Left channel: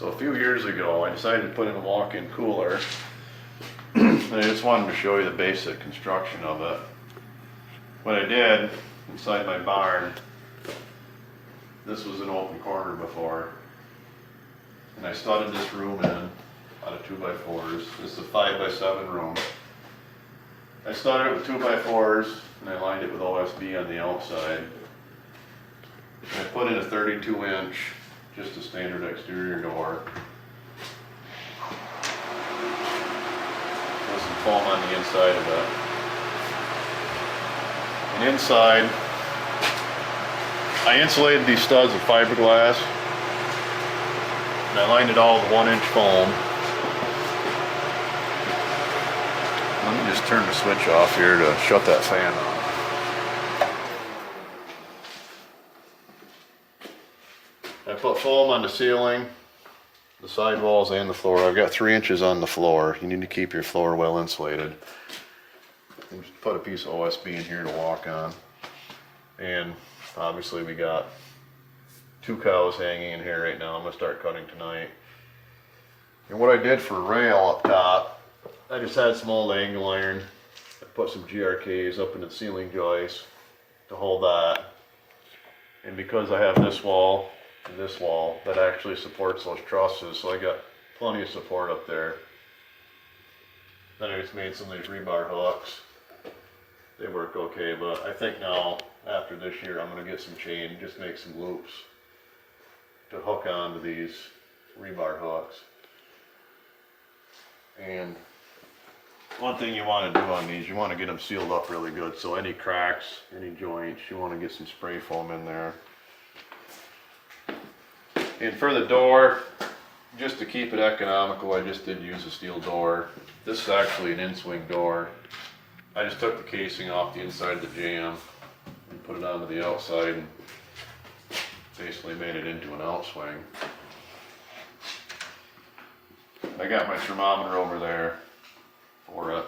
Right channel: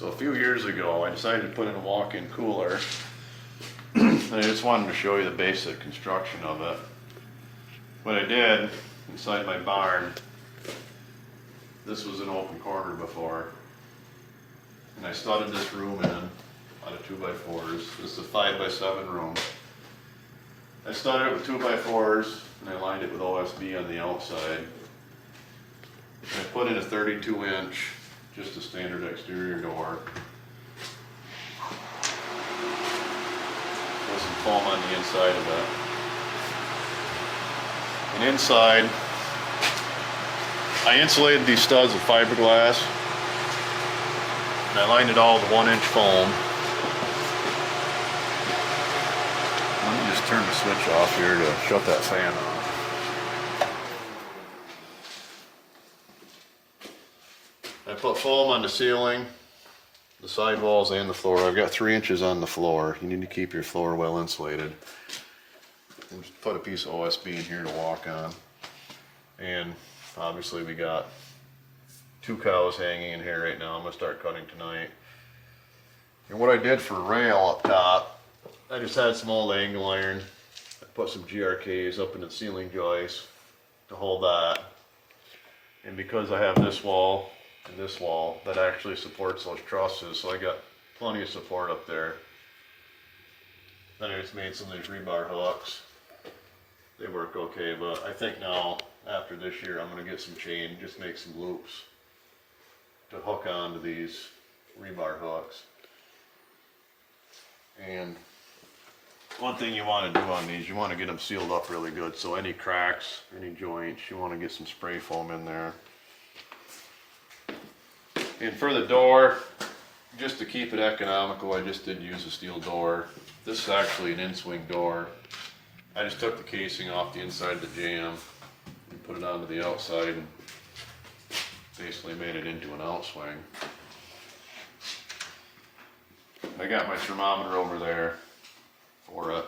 So a few years ago, I decided to put in a walk-in cooler, and I just wanted to show you the basic construction of it. What I did inside my barn, this was an open corner before, and I studded this room in out of 2x4s. This is a 5x7 room. I studded it with 2x4s, and I lined it with OSB on the outside. And I put in a 32-inch, just a standard exterior door. There's some foam on the inside of it. And inside, I insulated these studs with fiberglass, and I lined it all with 1-inch foam. Let me just turn the switch off here to shut that fan on. I put foam on the ceiling, the sidewalls, and the floor. I've got 3 inches on the floor. You need to keep your floor well insulated. And just put a piece of OSB in here to walk on. And obviously we got 2 cows hanging in here right now. I'm going to start cutting tonight. And what I did for rail up top, I just had some old angle iron. I put some GRKs up in the ceiling joists to hold that. And because I have this wall and this wall, that actually supports those trusses, so I got plenty of support up there. Then I just made some of these rebar hooks. They work okay, but I think now, after this year, I'm going to get some chain, just make some loops to hook onto these rebar hooks. And one thing you want to do on these, you want to get them sealed up really good, so any cracks, any joints, you want to get some spray foam in there. And for the door, just to keep it economical, I just did use a steel door. This is actually an in-swing door. I just took the casing off the inside of the jamb and put it onto the outside and basically made it into an outswing. I got my thermometer over there for it.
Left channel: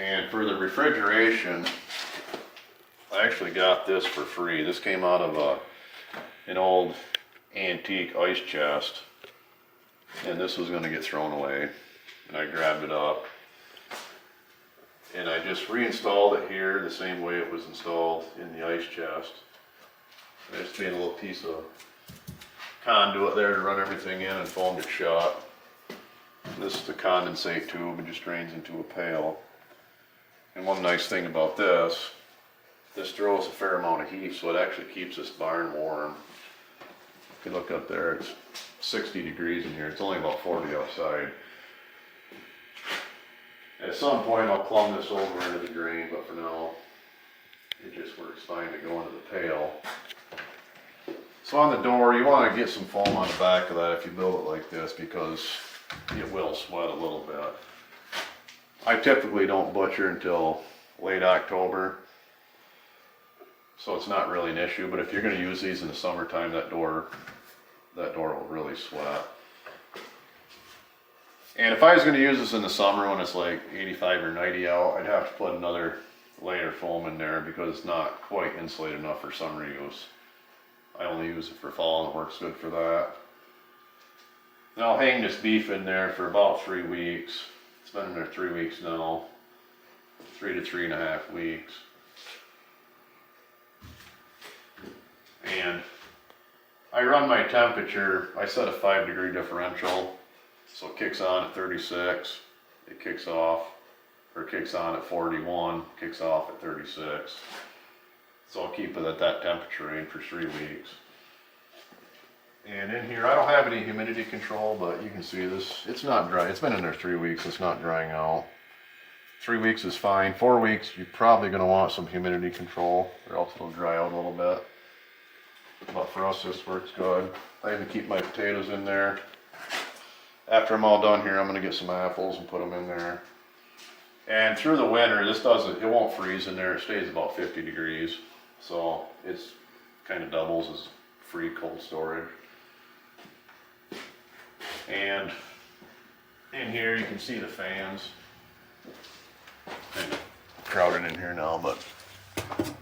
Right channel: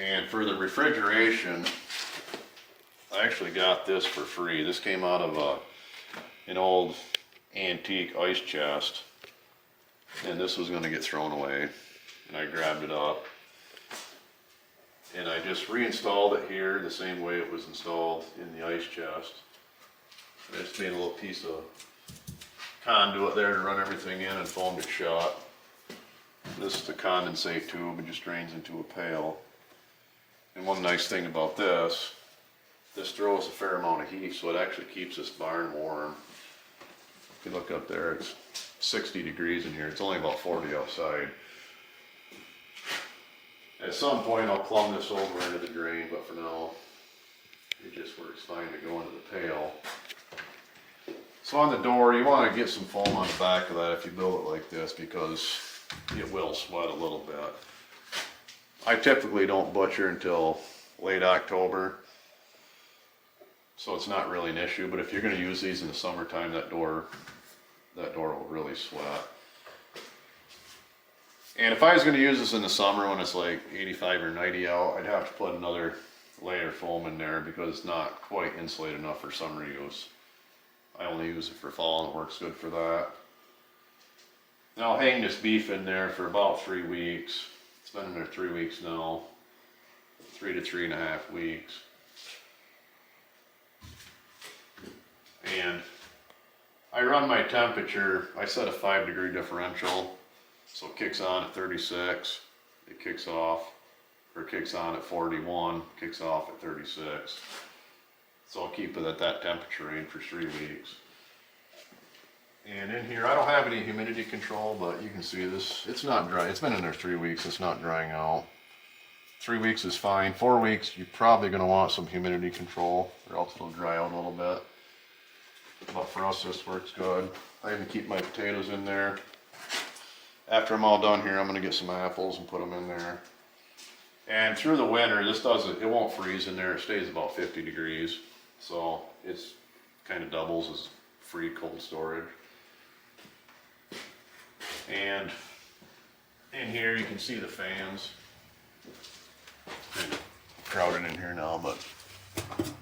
And for the refrigeration, I actually got this for free. This came out of an old antique ice chest, and this was going to get thrown away, and I grabbed it up. And I just reinstalled it here the same way it was installed in the ice chest. And I just made a little piece of conduit there to run everything in and foamed it shut. And this is the condensate tube. It just drains into a pail. And one nice thing about this throws a fair amount of heat, so it actually keeps this barn warm. If you look up there, it's 60 degrees in here. It's only about 40 outside. At some point I'll plumb this over into the drain, but for now it just works fine to go into the pail. So on the door, you want to get some foam on the back of that if you build it like this, because it will sweat a little bit. I typically don't butcher until late October, so it's not really an issue, but if you're going to use these in the summertime, that door will really sweat. And if I was going to use this in the summer when it's like 85 or 90 out, I'd have to put another layer of foam in there because it's not quite insulated enough for summer use. I only use it for fall and it works good for that. And I'll hang this beef in there for about 3 weeks. It's been in there 3 weeks now. 3 to 3.5 weeks. And I run my temperature, I set a 5-degree differential. So it kicks on at 36, it kicks off, or kicks on at 41, kicks off at 36. So I'll keep it at that temperature range for 3 weeks. And in here, I don't have any humidity control, but you can see this, it's not dry. It's been in there 3 weeks, it's not drying out. 3 weeks is fine. 4 weeks, you're probably gonna want some humidity control, or else it'll dry out a little bit. But for us, this works good. I even keep my potatoes in there. After I'm all done here, I'm gonna get some apples and put them in there. And through the winter, it won't freeze in there. It stays about 50 degrees. So it's kind of doubles as free cold storage. And in here, you can see the fans. Kind of crowded in here now, but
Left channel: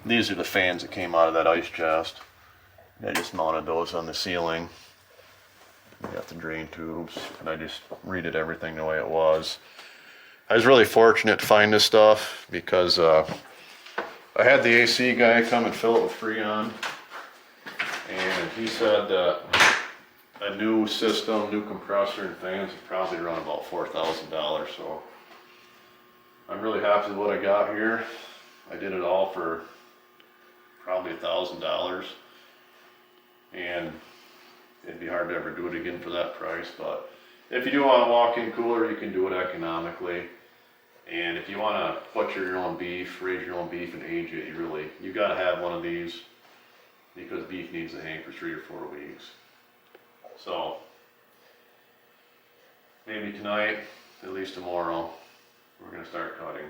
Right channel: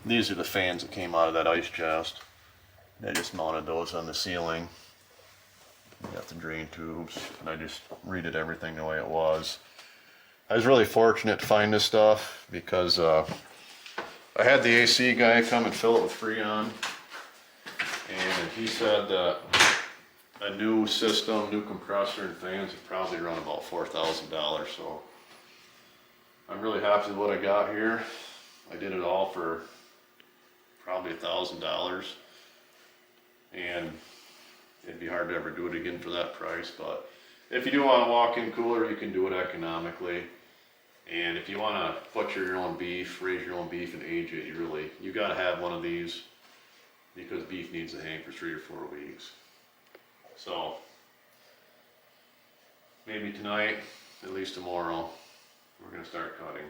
these are the fans that came out of that ice chest. I just mounted those on the ceiling. with the drain tubes, and I just redid everything the way it was. I was really fortunate to find this stuff because I had the AC guy come and fill it with Freon, and he said that a new system, new compressor and fans would probably run about $4,000, so I'm really happy with what I got here. I did it all for probably $1,000, and it'd be hard to ever do it again for that price. But if you do want a walk-in cooler, you can do it economically. And if you want to butcher your own beef, raise your own beef and age it, you got to have one of these, because beef needs to hang for 3 or 4 weeks. So maybe tonight, at least tomorrow, we're going to start cutting.